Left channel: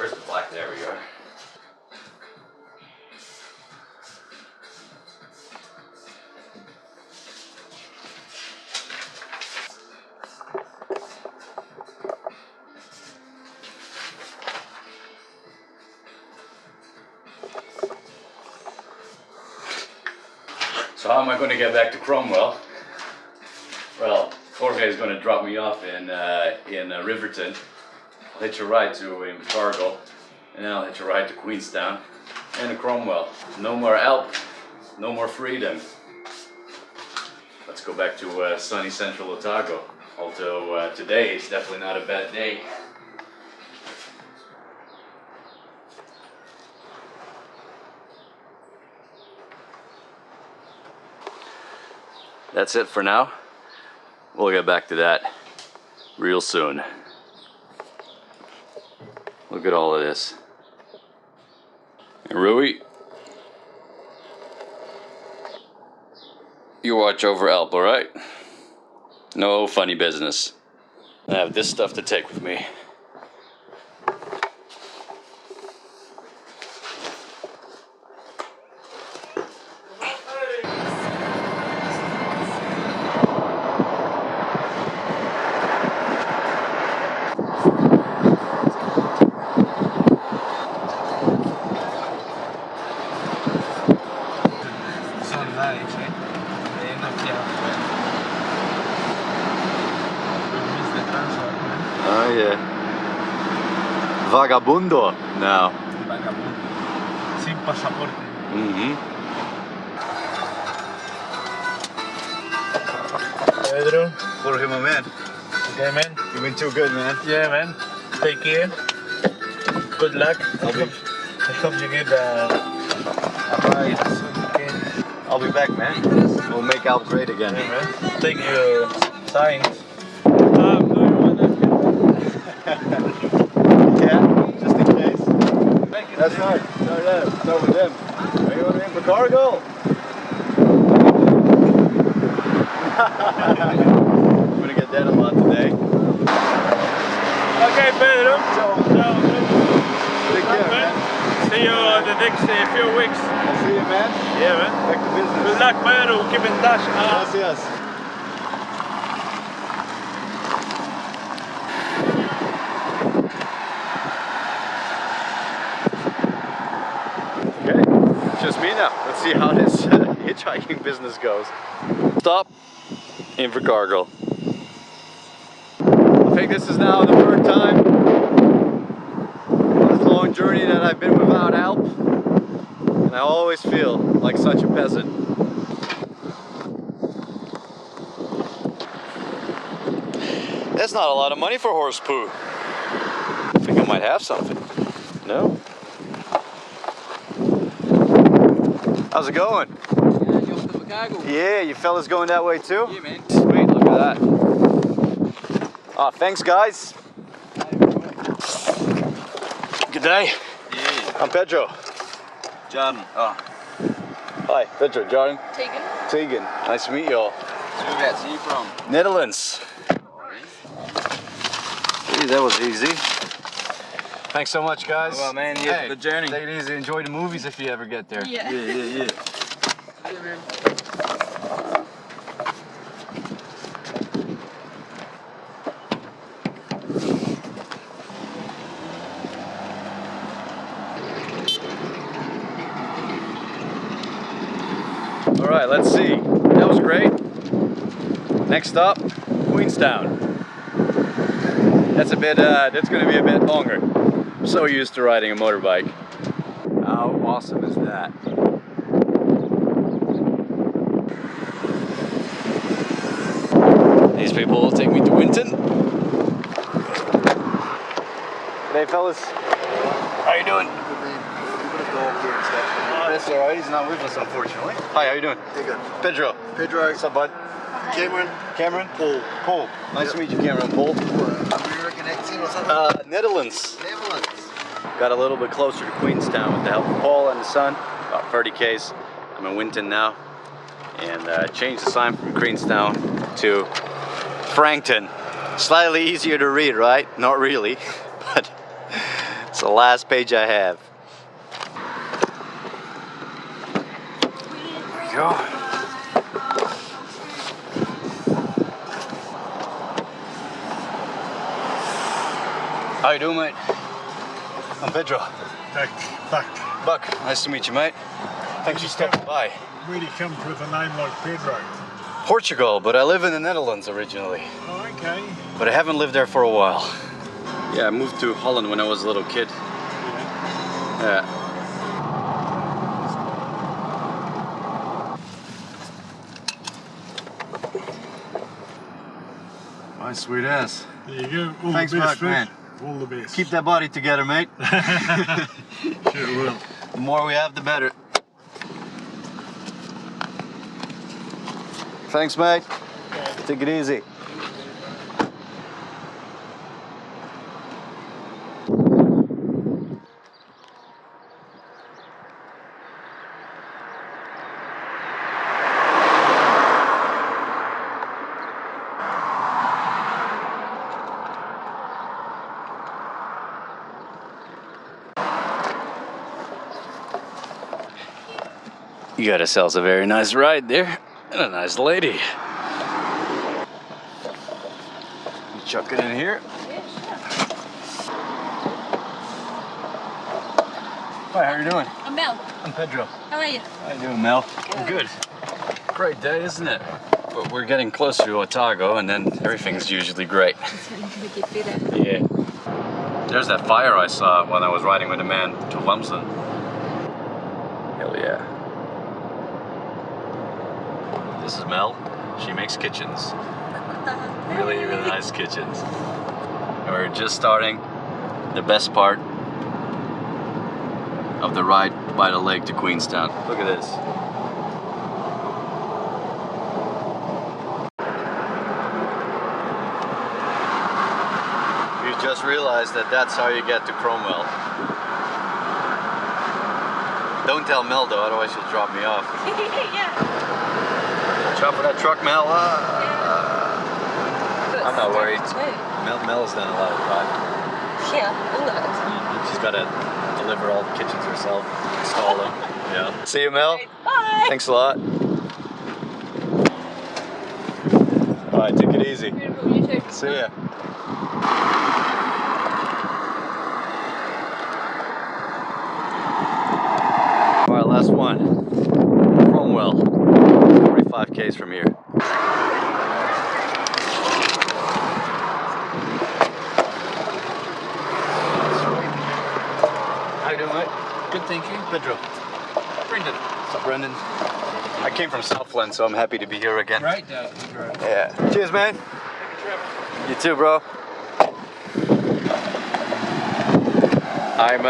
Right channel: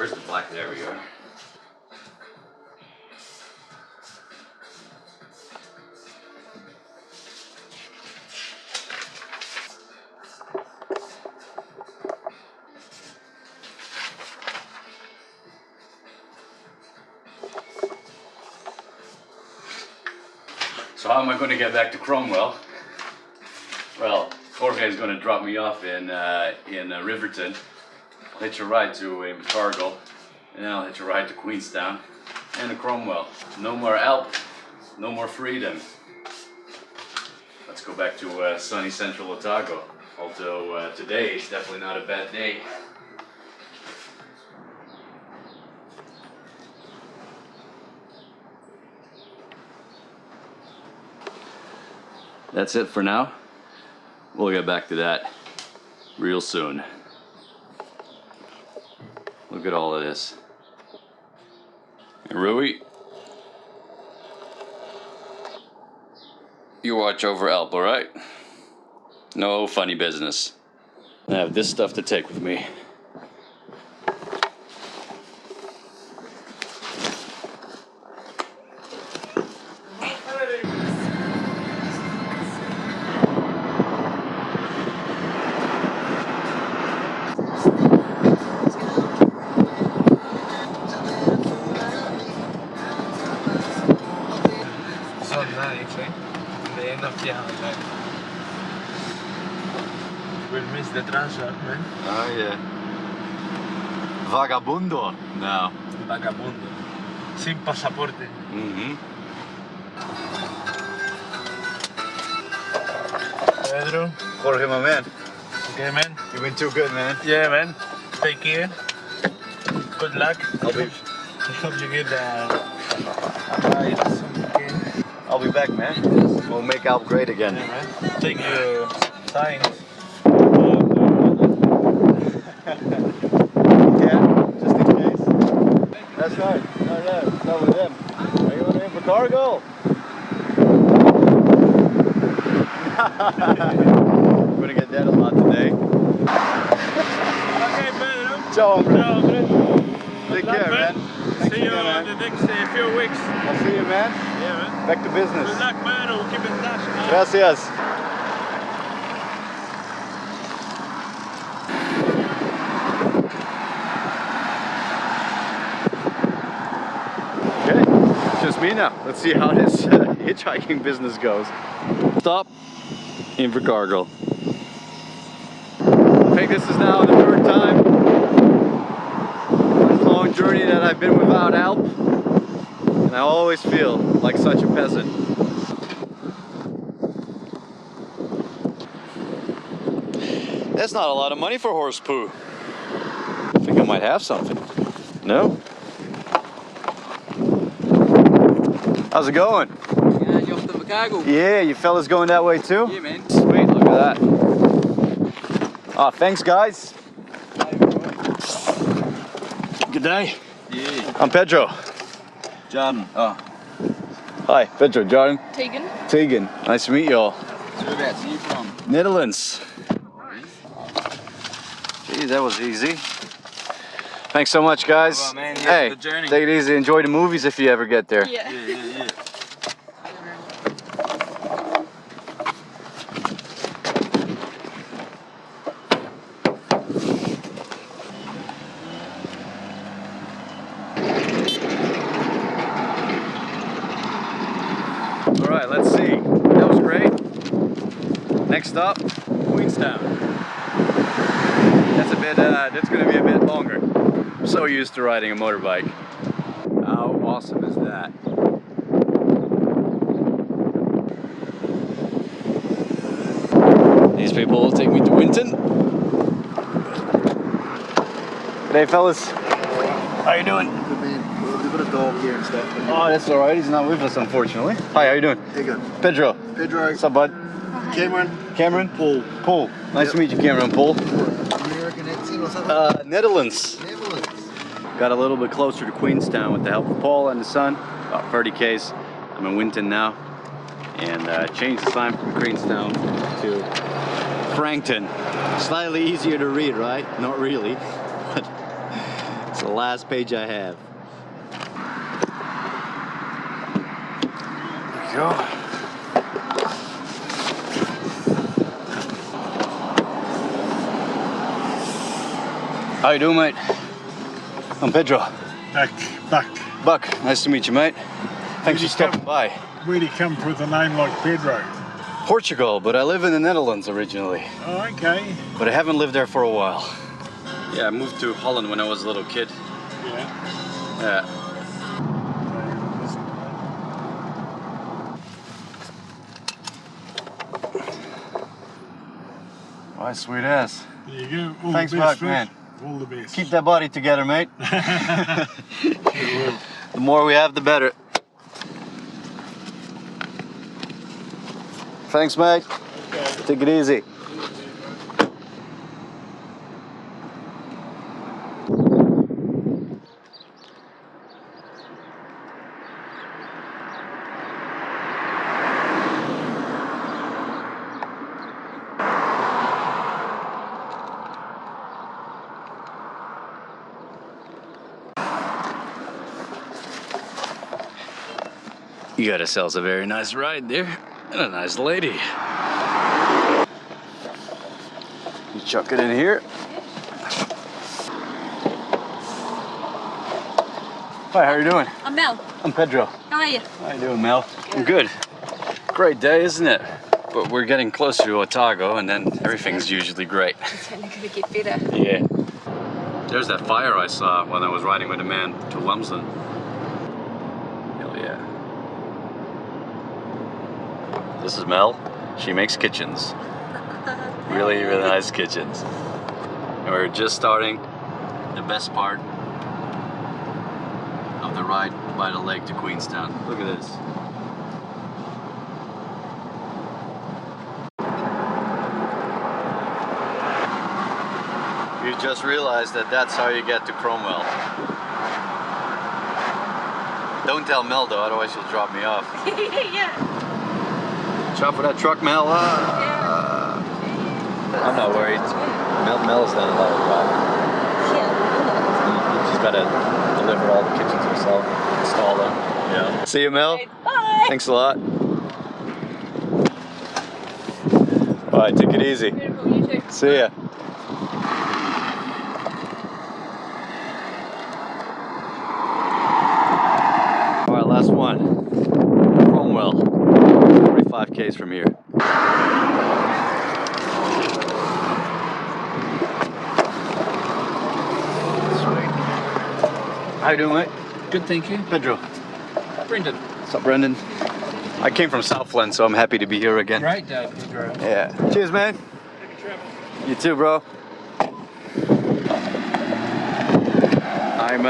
Where's the black? There we go. So how am I going to get back to Cromwell? Well, Jorge is going to drop me off in Riverton. I'll hitch a ride to Invercargill, and then I'll hitch a ride to Queenstown and to Cromwell. No more Alp, no more freedom. Let's go back to sunny Central Otago. Although today is definitely not a bad day. That's it for now. We'll get back to that real soon. Look at all of this. And Rui, you watch over Alp, alright? No funny business. I have this stuff to take with me. We missed the Transalp, man. Oh yeah. Vagabundo now. Vagabond. Sin pasaporte. Pedro. Jorge, my man. Okay, man. You've been too good, man. Yeah, man. Take care. Good luck. I hope you get a ride as soon as you can. I'll be back, man. We'll make Alp great again. Yeah, man. Take your signs. Do you want that helmet? Yeah, just in case. That's right. Start with them. Are you on the Invercargill? I'm gonna get that a lot today. Okay, Pedro. Ciao, hombre. Ciao, hombre. Take care, man. See you in the next few weeks. I'll see you, man. Yeah, man. Back to business. Good luck, man. We'll keep in touch. Gracias. Okay, it's just me now. Let's see how this hitchhiking business goes. Stop, Invercargill. I think this is now the third time on this long journey that I've been without Alp, and I always feel like such a peasant. That's not a lot of money for horse poo. I think I might have something. No? How's it going? Yeah, you off to Invercargill? Yeah, you fellas going that way too? Yeah, man. Sweet, look at that. Oh, thanks guys. Good day. Yeah. I'm Pedro. Jordan. Oh. Hi, Pedro, Jordan. Tegan. Tegan, nice to meet you all. So whereabouts are you from? Netherlands. Gee, that was easy. Thanks so much, guys. Well, man, yeah, hey, good journey. Take it easy. Enjoy the movies if you ever get there. Yeah. Yeah. All right, let's see. That was great. Next up, Queenstown. That's going to be a bit longer. I'm so used to riding a motorbike. How awesome is that? These people will take me to Winton. G'day, fellas. How you doing? Good man. We've got a dog here and stuff. Oh, that's all right. He's not with us, unfortunately. Hi, how you doing? Hey, good. Pedro. Pedro. What's up, bud? Cameron. Cameron? Paul. Paul. Nice Yep. to meet you, Cameron and Paul. American accent or something? Netherlands. Netherlands. Got a little bit closer to Queenstown with the help of Paul and the son. About 30 k's. I'm in Winton now. And changed the sign from Queenstown to Frankton. Slightly easier to read, right? Not really. But It's the last page I have. There we go. How you doing, mate? I'm Pedro. Buck, nice to meet you, mate. Thanks for stopping by. Where do you come with a name like Pedro? Portugal, but I live in the Netherlands originally. Oh, okay. But I haven't lived there for a while. Yeah, I moved to Holland when I was a little kid. Yeah. Yeah. My sweet ass. There you go. All Thanks, the best, Buck, man. All the best. Keep that body together, mate. Sure will. The more we have, the better. Thanks, mate. Okay. Take it easy. You got yourselves a very nice ride there, and a nice lady. You chuck it in here. Hi, how are you doing? I'm Mel. I'm Pedro. How are you? How you doing, Mel? I'm good. Great day, isn't it? But we're getting closer to Otago, and then everything's usually great. It's only going to get better. Yeah. There's that fire I saw when I was riding with a man to Lumsden. Hell yeah. This is Mel. She makes kitchens. Really, really nice kitchens. And we're just starting the best part of the ride by the lake to Queenstown. Look at this. You just realized that that's how you get to Cromwell. Don't tell Mel though, otherwise she'll drop me off. Yeah. Watch out for that truck, Mel. I'm not worried. Mel's done a lot of driving. Yeah, a lot. She's got to deliver all the kitchens herself, install them. Yeah. See you, Mel. Bye. Thanks a lot. All right, take it easy. Beautiful, you too. See ya. All right, last one. Cromwell. 45 k's from here. How you doing, mate? Good, thank you. Pedro. Brendan. What's up, Brendan? I came from Southland, so I'm happy to be here again. Great day, Pedro. Yeah. Cheers, man. You too, bro. I'm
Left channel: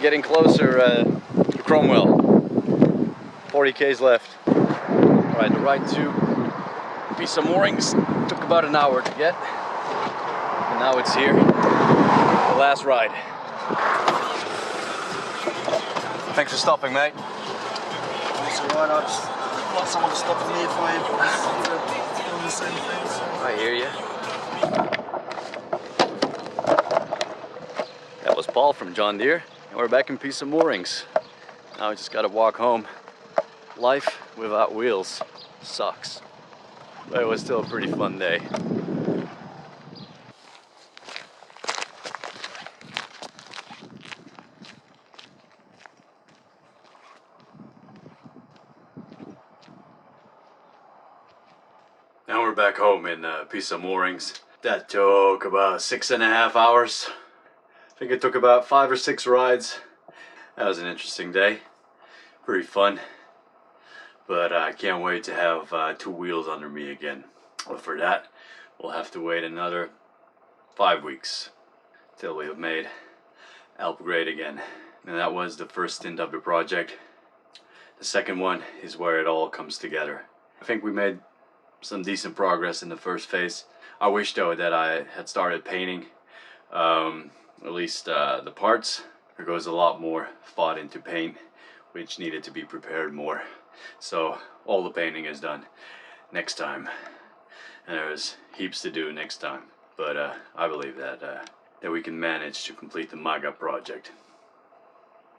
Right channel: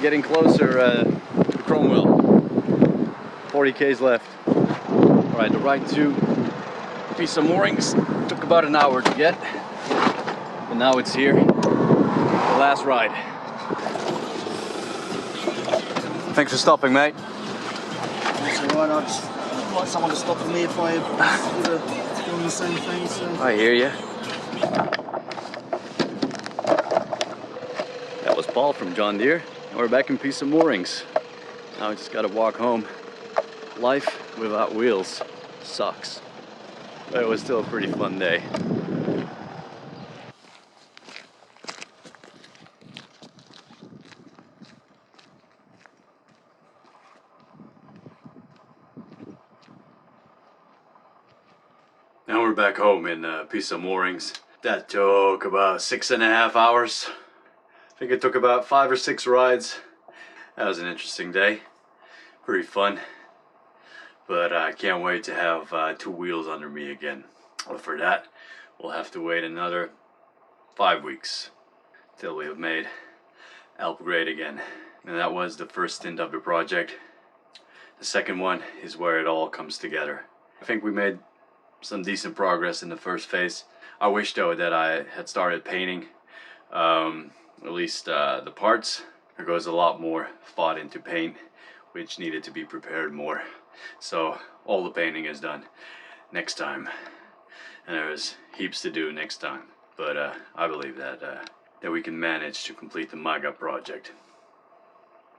getting closer to Cromwell. 40 k's left. All right, the ride to piece of moorings took about an hour to get, and now it's here. The last ride. Thanks for stopping, mate. That's alright, I just like someone to stop for me if I was doing the same thing. So. I hear you. That was Paul from John Deere, and we're back in piece of moorings. Now we just gotta walk home. Life without wheels sucks, but it was still a pretty fun day. Now we're back home in a piece of moorings. That took about 6.5 hours. I think it took about 5 or 6 rides. That was an interesting day. Pretty fun. But I can't wait to have 2 wheels under me again. But for that, we'll have to wait another 5 weeks till we have made Alp great again. And that was the first stint of the project. The second one is where it all comes together. I think we made some decent progress in the first phase. I wish though that I had started painting at least the parts. There goes a lot more thought into paint, which needed to be prepared more. So all the painting is done next time, and there's heaps to do next time. But I believe that that we can manage to complete the MAGA project.